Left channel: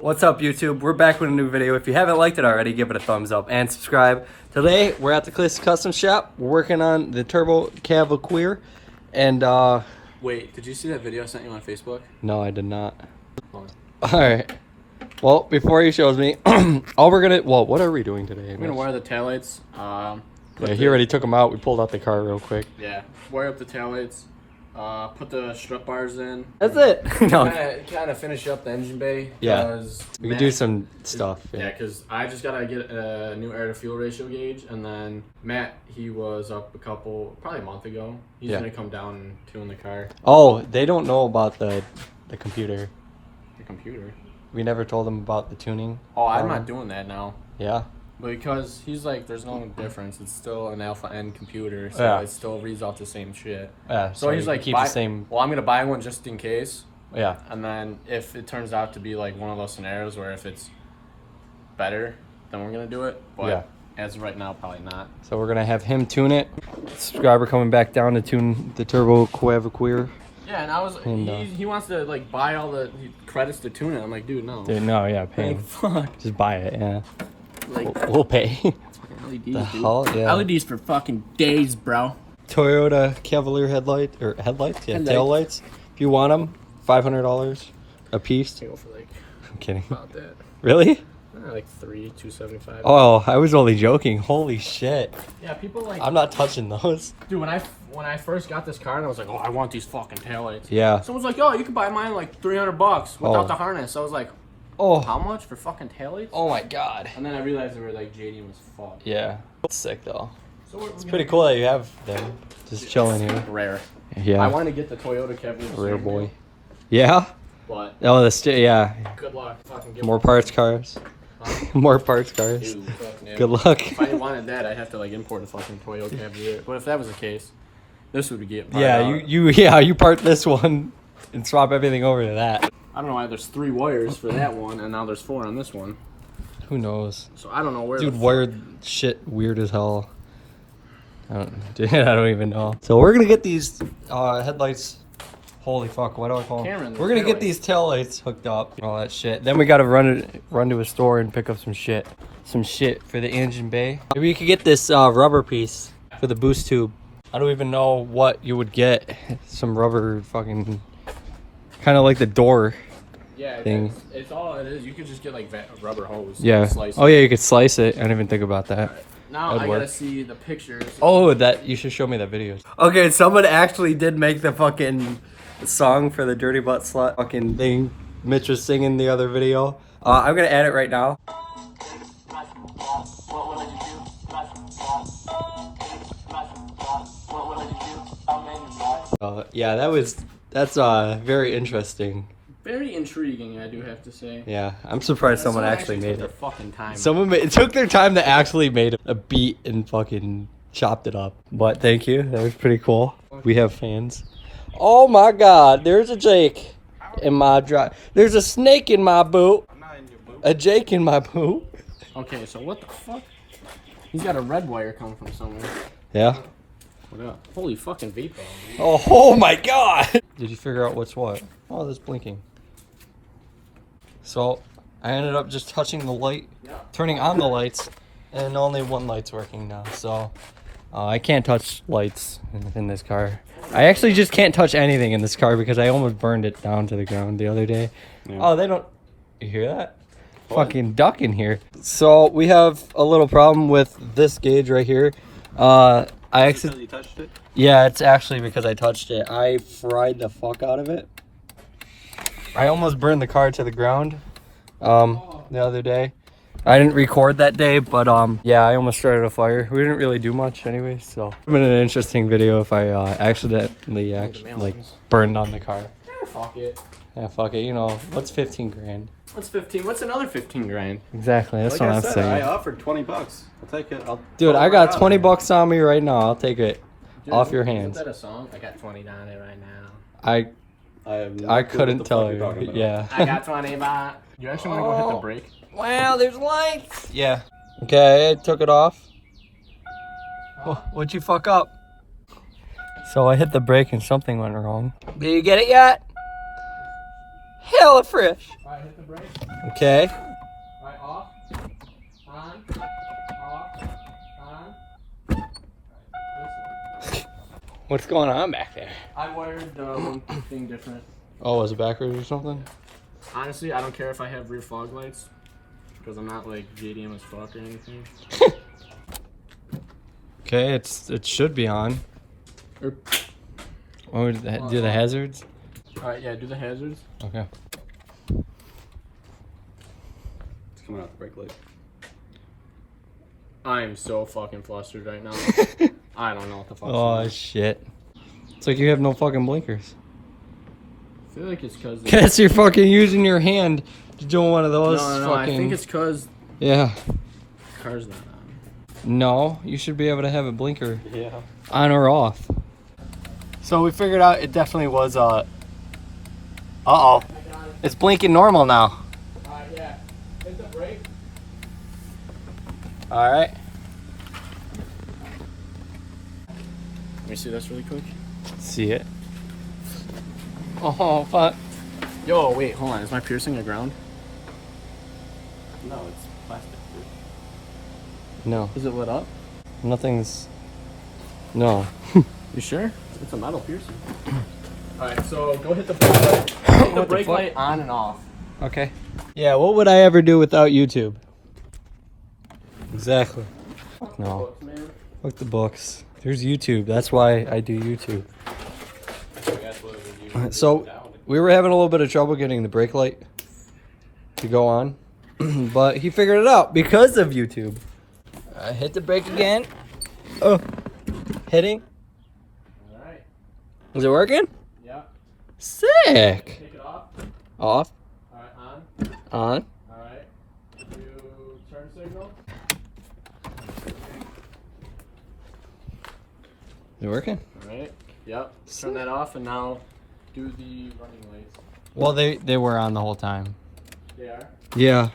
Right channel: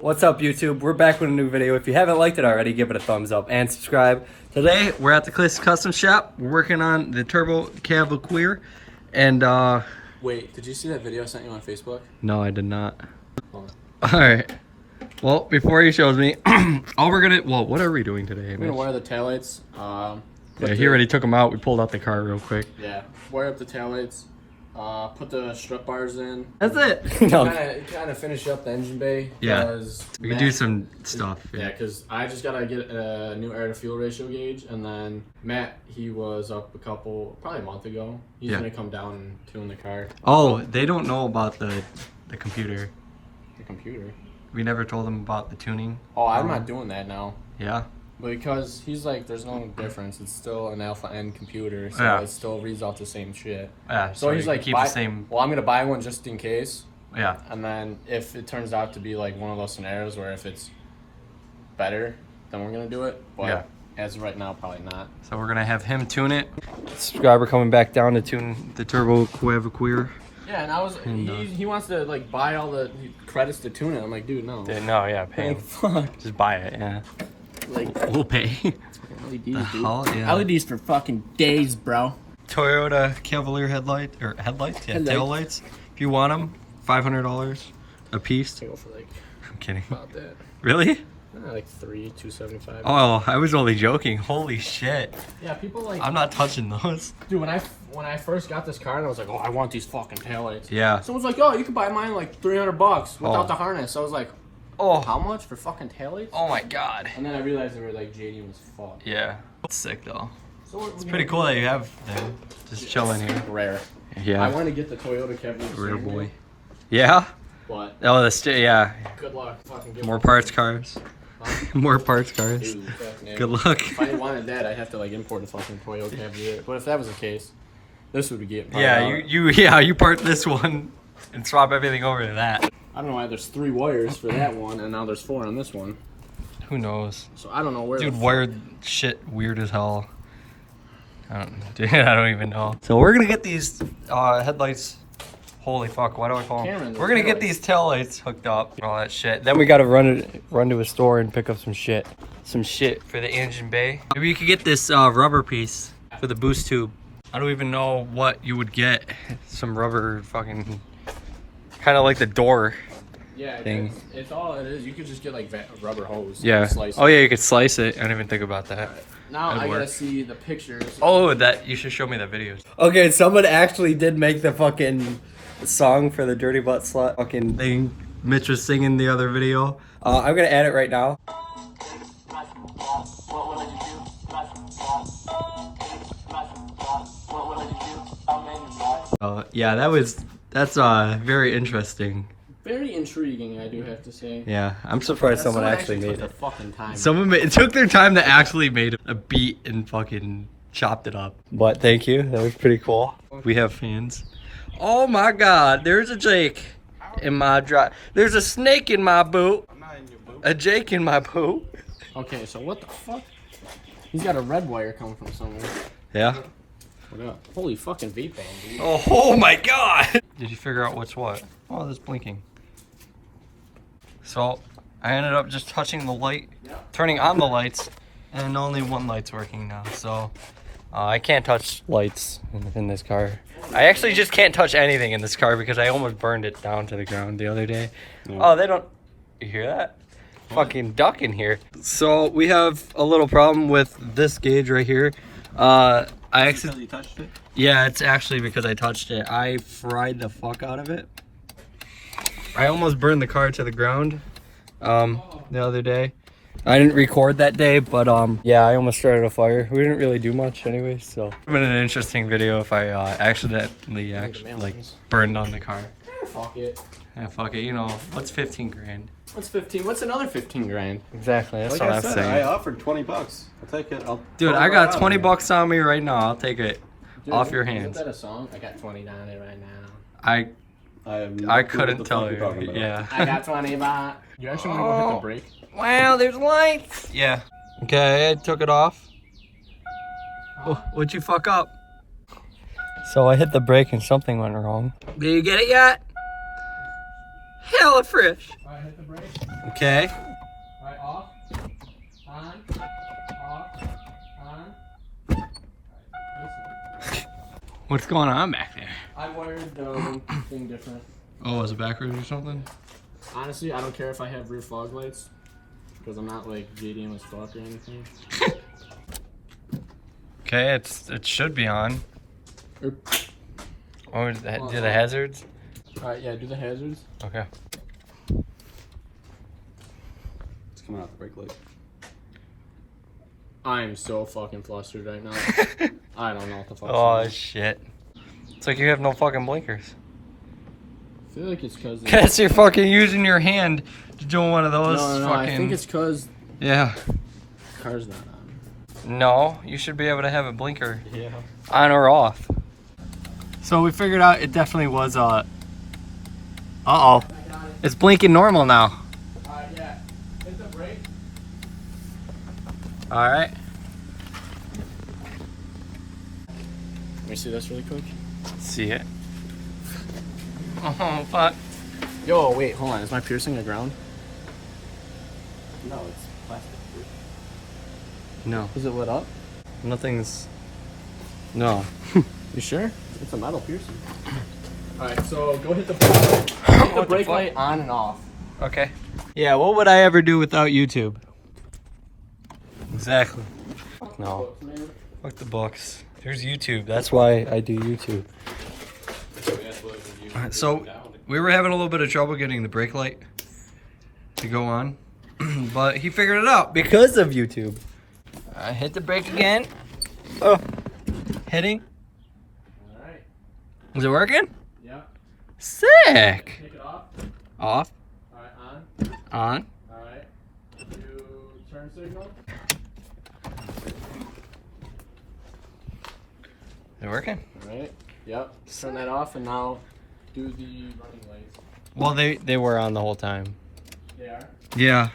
What's up, YouTube? We're back with a new video. If you haven't liked it already, give it a thumbs up and subscribe. Today, we're at the Custom Shop. We're working on the Turbo Cavalier. And, Wait, did you see that video I sent you on Facebook? no, I did not. Alright. Well, before he shows me, what are we doing today? I'm gonna wire the taillights. Yeah, he already took them out. We pulled out the car real quick. Yeah, wire up the taillights. Put the strut bars in. That's it. No. Kind of finish up the engine bay. Yeah. We can do some stuff. Yeah, because I just gotta get a new air to fuel ratio gauge, and then Matt, he was up probably a month ago. He's gonna come down and tune the car. Oh, they don't know about the computer. The computer? We never told them about the tuning. Oh, I'm not doing that now. Yeah. Because he's like, there's no difference. It's still an alpha N computer, so it still reads off the same shit. Yeah. So he's like, keep the same. Well, I'm gonna buy one just in case. Yeah. And then if it turns out to be like one of those scenarios where if it's better, then we're gonna do it. But as of right now, probably not. So we're gonna have him tune it. Subscriber coming back down to tune the Turbo Cavalier. Yeah, and I was he wants to like buy all the credits to tune it. I'm like, dude, no. Dude, no, yeah, pay. Like, fuck. Just buy it, yeah. Like, we'll pay. LEDs, The dude. hell, yeah. LEDs for fucking days, bro. Toyota Cavalier headlights, tail lights. If you want them, $500 a piece. They go for like. I'm kidding. About that. Really? Like $275. Oh, I was only joking. Holy shit. Yeah, people like. I'm not touching those. Dude, when I first got this car and I was like, oh, I want these fucking taillights. Yeah. Someone's like, oh, you can buy mine like $300 without the harness. I was like, oh, how much for fucking taillights? Oh my god. And then I realized they were like JDM as fuck. Yeah. It's sick though. So it's pretty cool that you have them just chilling here. Rare. Yeah. I want to get the Toyota Cavalier. Rare boy. Yeah. But. Oh, yeah. Good luck. Fucking get more parts cars. More parts cars. Dude, yeah. Good luck. If I wanted that, I'd have to like import a fucking Toyota Cavalier. But if that was the case, this would get. You part this one and swap everything over to that. I don't know why there's 3 wires for that one and now there's 4 on this one. Who knows? So I don't know where. Dude, wired shit weird as hell. I don't even know. So we're gonna get these headlights. Holy fuck! Why do I call them? We're gonna get these tail lights hooked up and all that shit. Then we gotta run to a store and pick up some shit for the engine bay. Maybe you could get this rubber piece for the boost tube. I don't even know what you would get. Some rubber fucking, kind of like the door. Yeah, thing. It's all it is. You could just get like a rubber hose. Yeah. Slice it. Oh yeah, you could slice it. I didn't even think about that. Right. Now I gotta see the pictures. Oh, you should show me the videos. Okay, someone actually did make the fucking song for the Dirty Butt Slut fucking thing Mitch was singing the other video. I'm gonna add it right now. Yeah, that's very interesting. Very intriguing, I do have to say. Yeah, I'm surprised someone actually made it. Fucking time. It took their time to actually made a beat and fucking chopped it up. But thank you, that was pretty cool. We have fans. Oh my god, there's a Jake in my drive. There's a snake in my boot. I'm not in your boot. A Jake in my boot. Okay, so what the fuck? He's got a red wire coming from somewhere. Yeah. What up? Holy fucking vape bomb. Oh my god! Did you figure out what's what? Oh, that's blinking. So, I ended up just touching the light, turning on the lights, and only one light's working now. So, I can't touch lights in this car. I actually just can't touch anything in this car because I almost burned it down to the ground the other day. Yeah. Oh, they don't... You hear that? What? Fucking duck in here. So, we have a little problem with this gauge right here. I accidentally touched it? Yeah, it's actually because I touched it. I fried the fuck out of it. I almost burned the car to the ground the other day. I didn't record that day, but yeah, I almost started a fire. We didn't really do much anyway, so. It would have been an interesting video if I accidentally burned on the car. Fuck it. Yeah, fuck it. You know, what's 15 grand? What's 15? What's another 15 grand? Exactly, that's what I'm saying. I offered 20 bucks. I'll take it. Dude, I got 20 bucks on me right now. I'll take it off your hands. Isn't that a song? I got 20 down there right now. I couldn't tell you. Yeah. I got 20 baht. You actually want to go hit the brake? Wow, there's lights. Yeah. Okay, I took it off. Oh, what'd you fuck up? So I hit the brake and something went wrong. Did you get it yet? hella fresh. Alright, hit the brake. Okay. Alright, off. On. Off. On. Alright, What's going on back there? I wired the thing different. Oh, is it backwards or something? Honestly, I don't care if I have rear fog lights. Because I'm not like JDM as fuck or anything. Okay, it should be on. Or, Oh, do the hazards? Alright, yeah, do the hazards. Okay. It's coming out the brake light. I am so fucking flustered right now. I don't know what the fuck's Oh going on. shit. It's like you have no fucking blinkers. I feel like it's because Guess you're fucking using your hand to do one of those. No, fucking... I think it's because Yeah. the car's not on. No, you should be able to have a blinker Yeah. on or off. So we figured out it definitely was uh-oh. It's blinking normal now. Alright, yeah. Hit the brake. Alright. Let me see this really quick. See it. Oh, fuck. Yo, wait, hold on. Is my piercing a ground? No, it's plastic. Dude. No. Is it lit up? Nothing's... No. You sure? It's a metal piercing. Alright, so go hit the brake light. Hit the brake light on and off. Okay. Yeah, what would I ever do without YouTube? Exactly. No. With the books. There's YouTube. That's why I do YouTube. So, we were having a little bit of trouble getting the brake light to go on. But he figured it out because of YouTube. I hit the brake again. Oh. Hitting. Alright. Is it working? Yeah. Sick. Take it off. Off. Alright, on. On. Alright. Do turn signal. Is it working? Alright. Yep. Turn that off and now do the running lights. Well, they were on the whole time. They are? Yeah.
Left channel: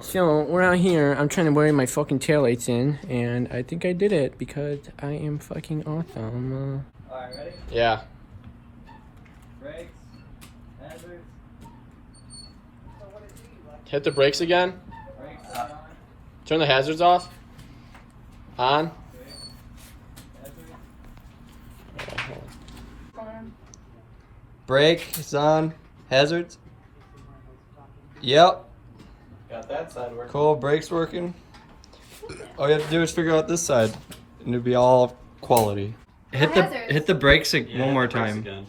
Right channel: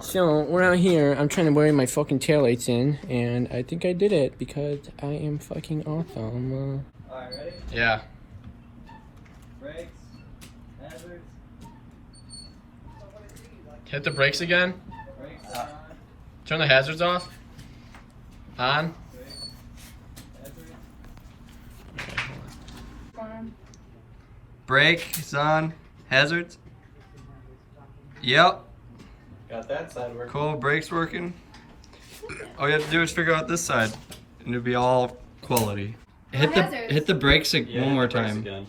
So we're out here. I'm trying to wear my fucking taillights in, and I think I did it because I am fucking awesome. Alright, ready? Yeah. Brakes. Hazards. Hit the brakes again. Brakes. Turn the hazards off. On. Brakes on. Hazards. Yep. Got that side working. Cool. Brakes working. All you have to do is figure out this side, and it'll be all quality. Hit the brakes Yeah, one more the brakes time. again.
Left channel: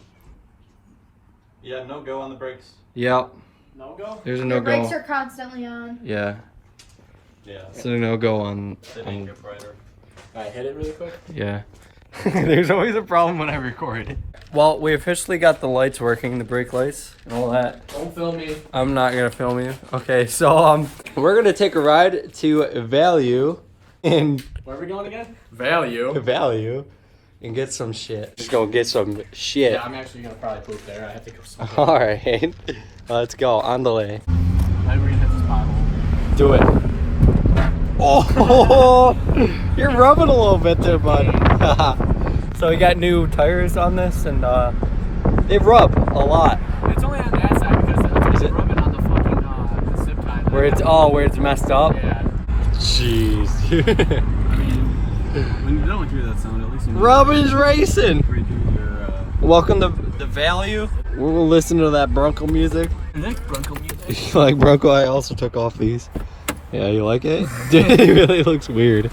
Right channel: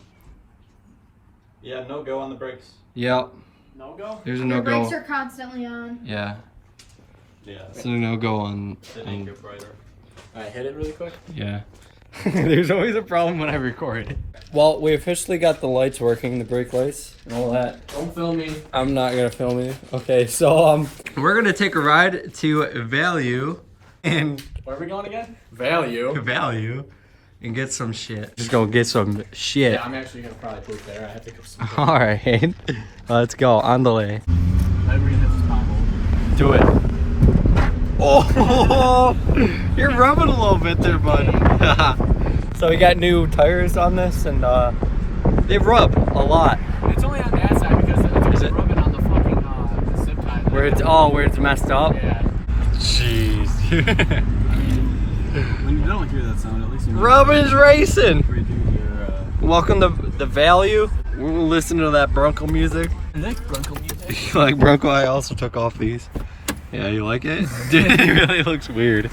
Yeah, no go on the brakes. Yep. No go. There's a Your no brakes go. are constantly on. Yeah. Yeah. There's a no go on. They didn't get brighter. Alright, hit it really quick. Yeah. There's always a problem when I record. Well, we officially got the lights working, the brake lights and all that. Don't film me. I'm not gonna film you. Okay, so we're gonna take a ride to Value and Where are we going again? Value. and get some shit. Just gonna get some shit. Yeah, I'm actually gonna probably poop there. I have to go somewhere. All right, let's go on the way. Then we're gonna hit this pothole. Do it. Oh, you're rubbing a little bit there, bud. So we got new tires on this, and they rub a lot. It's only on that side because Is it's it? rubbing on the fucking the zip tie. Where it's messed up. Yeah. Jeez. When you don't hear that sound, at least you know. Robin's racing. Redo your, Welcome to the Value. We're listening to that Bronco music. Next Bronco music. You like Bronco? I also took off these. Yeah, you like it? Dude, it really looks weird.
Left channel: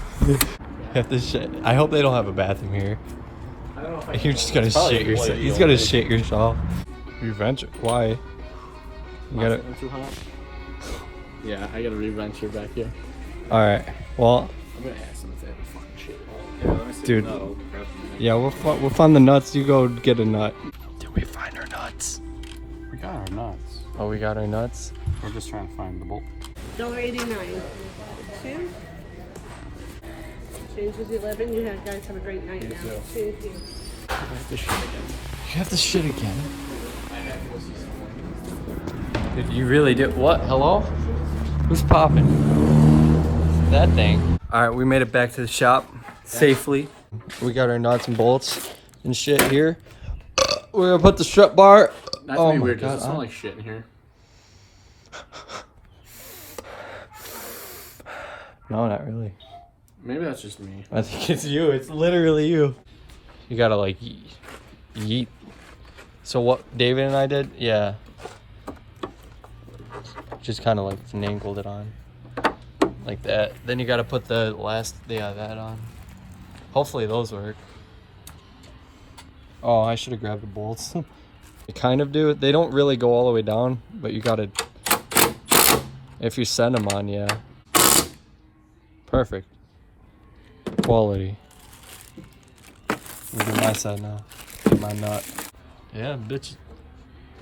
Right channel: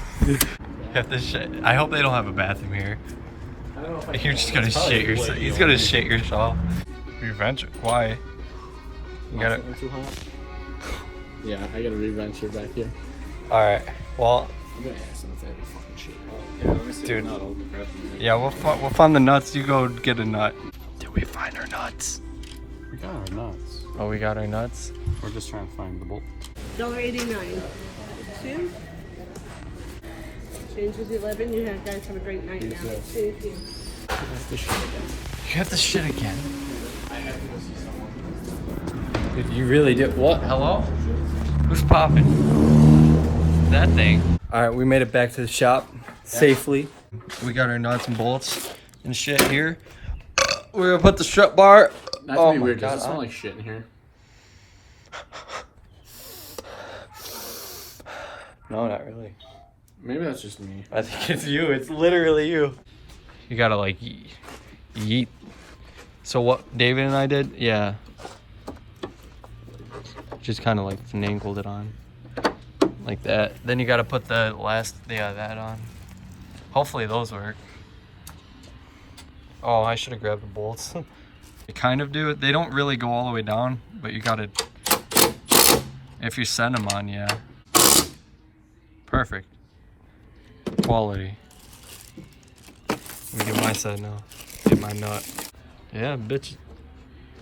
Have to shit. I hope they don't have a bathroom here. I don't know if I You're just gonna shit yourself. He's gonna shit yourself. Revenge? Why? You gotta. Too hot. Yeah, I gotta re-venture back here. All right. Well, I'm gonna ask them if they have a fucking shit. yeah, let me see Dude. the nut, I'll grab the nut. yeah, we'll find the nuts. You go get a nut. Did we find our nuts? We got our nuts. Oh, we got our nuts. We're just trying to find the bolt. $1.89. Two. Change is 11. You guys have a great night now. Thank you. You have the shit again. Dude, you really did. What? Hello? Who's popping? That thing. All right, we made it back to the shop safely. We got our nuts and bolts and shit here. We're gonna put the strut bar That's Oh gonna be my weird. Does God. it smell like shit in here? No, not really. Maybe that's just me. I think it's you. It's literally you. You gotta like yeet. So what David and I did, yeah. Just kind of like finagled it on, like that. Then you gotta put the that on. Hopefully those work. Oh, I should have grabbed the bolts. They kind of do. They don't really go all the way down, but you gotta. If you send them on, yeah. Perfect. Quality. You do my side now. Get my nut. Yeah, bitch.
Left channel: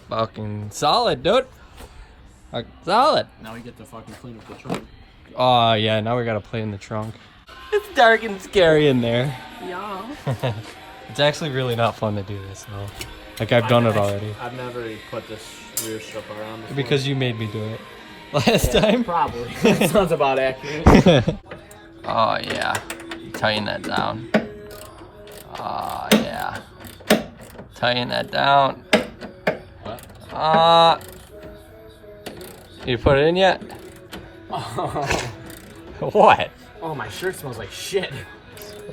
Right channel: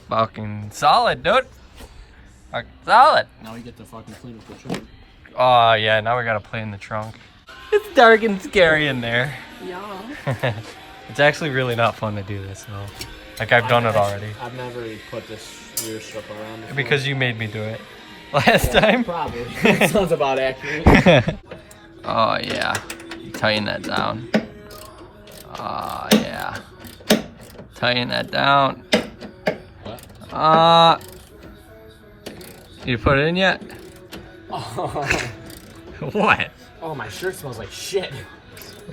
Fucking solid, dude. Solid. Now we get to fucking clean up the trunk. Oh yeah, now we gotta play in the trunk. It's dark and scary in there. Y'all. It's actually really not fun to do this though. Like I've done it already. I've never put this rear strip around before. Because you made me do it last time. Probably. That sounds about accurate. Oh yeah. Tighten that down. Oh yeah. Tighten that down. What? You put it in yet? What? Oh, my shirt smells like shit.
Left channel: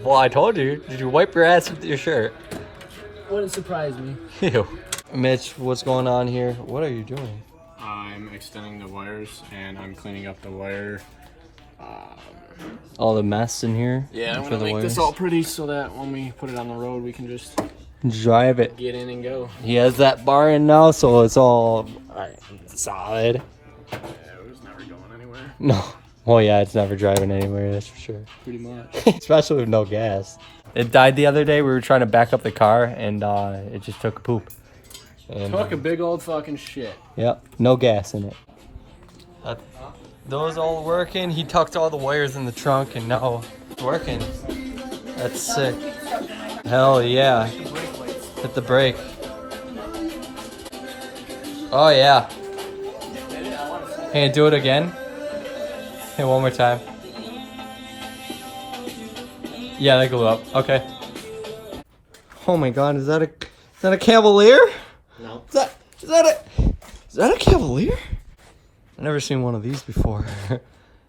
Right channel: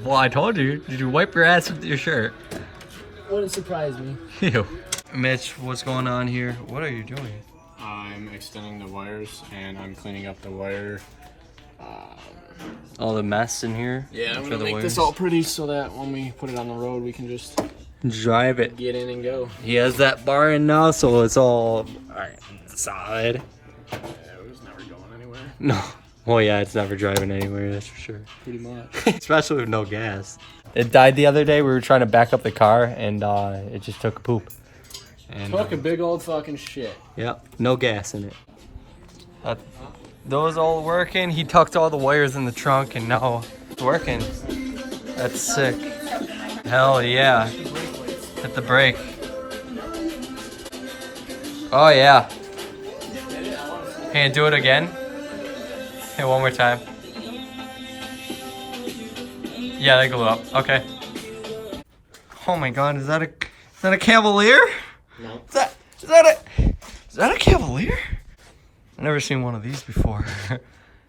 Well, I told you. Did you wipe your ass with your shirt? Wouldn't surprise me. Ew. Mitch, what's going on here? What are you doing? I'm extending the wires and I'm cleaning up the wire. All the mess in here? Yeah, I'm for gonna the make wires? this all pretty so that when we put it on the road, we can just Drive it. get in and go. He has that bar in now, so it's all solid. Yeah, it was never going anywhere. No. Oh yeah, it's never driving anywhere, that's for sure. Pretty much. Especially with no gas. It died the other day. We were trying to back up the car, and it just took a poop. And, Took a big old fucking shit. Yep, no gas in it. Those all working. He tucked all the wires in the trunk, and now it's working. That's sick. Hell yeah. Hit the brake. Oh yeah. Hey, do it again. Hey, one more time. Yeah, they glue up. Okay. Oh my God, is that a Cavalier? No. Is that a Cavalier? I've never seen one of these before.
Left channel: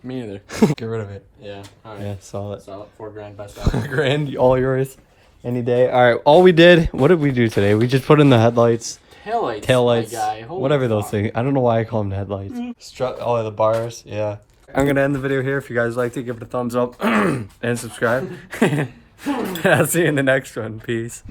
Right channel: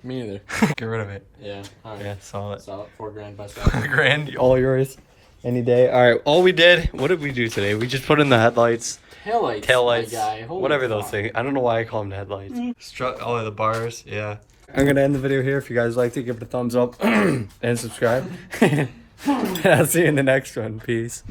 Me neither. Get rid of it. Yeah. Alright. Yeah, solid. So $4,000 best out. Grand, all yours. Any day. All right, all we did. What did we do today? We just put in the headlights. Taillights. My guy. Holy Whatever those fuck. things. I don't know why I call them headlights. Oh, the bars. Yeah. I'm gonna end the video here. If you guys liked it, give it a thumbs up and subscribe. I'll see you in the next one. Peace.